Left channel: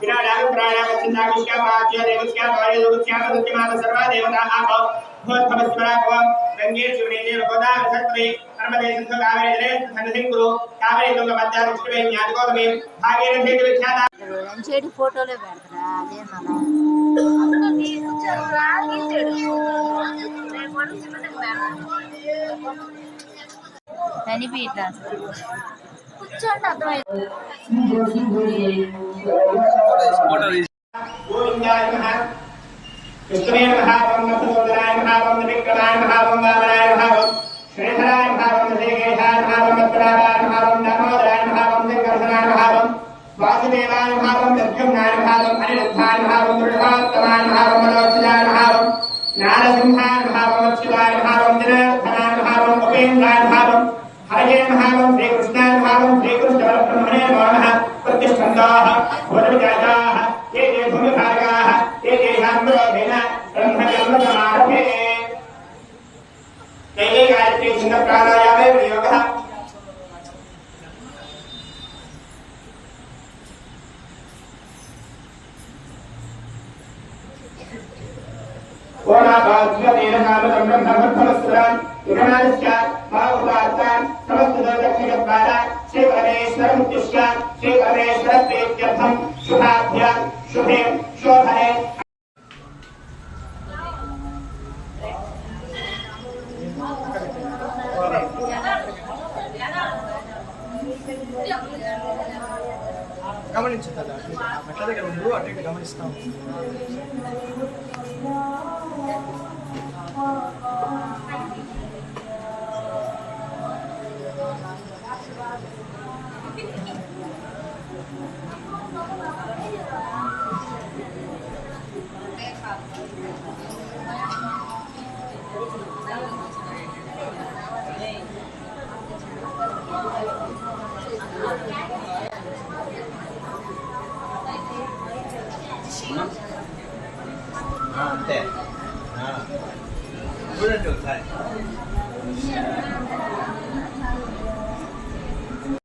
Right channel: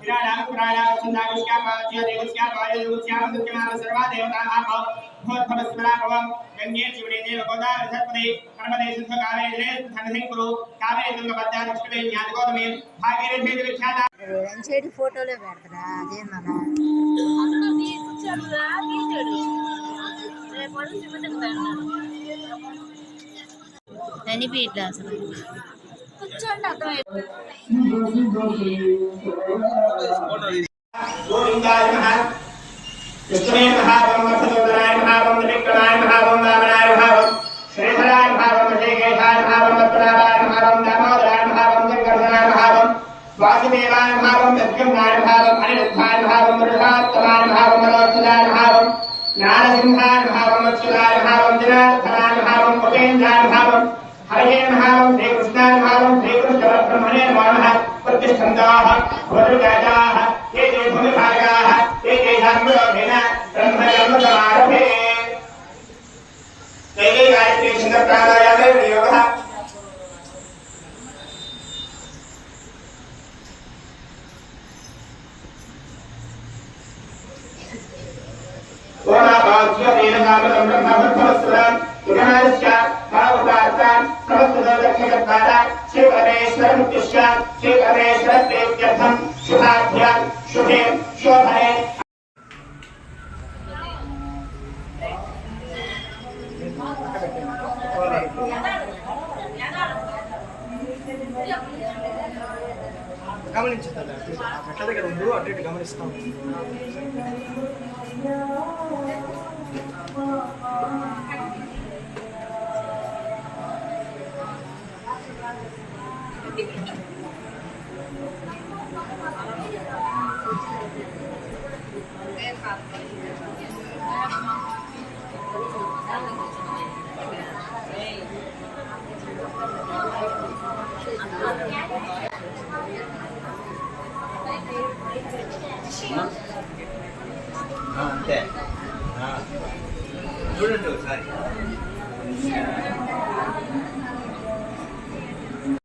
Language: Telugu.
विराडाग प्राणाग छंदागुष्या पाज्य देवस्या गौरी देवस्या सत्यमाता सर्वा देवताः आहो भूतभवस्वराभवं गंगे शिवने देव गोदावरी सरस्वती नर्मदे सिंधु कावेरी जले सन्निधिं कुरु कावेरी तुंगभद्रा दक्षिणे ज्ञातगोतमे भागीरथी विख्याता ఎంచేటి ఫోటోలే పెడతారా అదే మళ్ళా అన్న నీకు చదువురా గీసాడు అనిపించట్లా అసలు కూర్చోండి అర్థమైపోయింది विष्णुवे महावं वत्सोदराय महावं विक्रमाय महावं वामनाय महावं श्रीधराय महावं ऋषिकेशाय महावं पद्मनाभाय महावं दामोदराय महावं शंकरधराय महावं वासुदेवाय महावं यज्ञनाय महावं अनिरुद्धाय महावं पुरुषोत्तमाय महावं मनोज्ञाय महावं ज्ञानसिंहाय महावं अच्युताय महावं जनार्दनाय महावं उपेन्द्राय महावं हरये महावं श्रीकृष्णाय महावं श्रीकृष्णपरब्रह्मणे नमो नमः प्रतिष्ठन्ताः भवद्विजाताः ये ये भूमिभागाः ये ये ब्रह्मचर्य समारभे जय जय गायत्री छंद प्राणायामे विनियोगः ओम आभाज्य तेन कामतं ब्रह्मभक्तवस्त्रं विघ्नास्य भावुकार्तान् समस्त दक्षिणद्वारा श्री परमेश्वर मुक्तिश्च श्री परमेश्वर प्रीत्यर्थं शुभाभ्यां शुभे शोभने గమనించదా అట్లా దగ్గర ఉండు అటు ఇటు గమనిస్తాం అంతే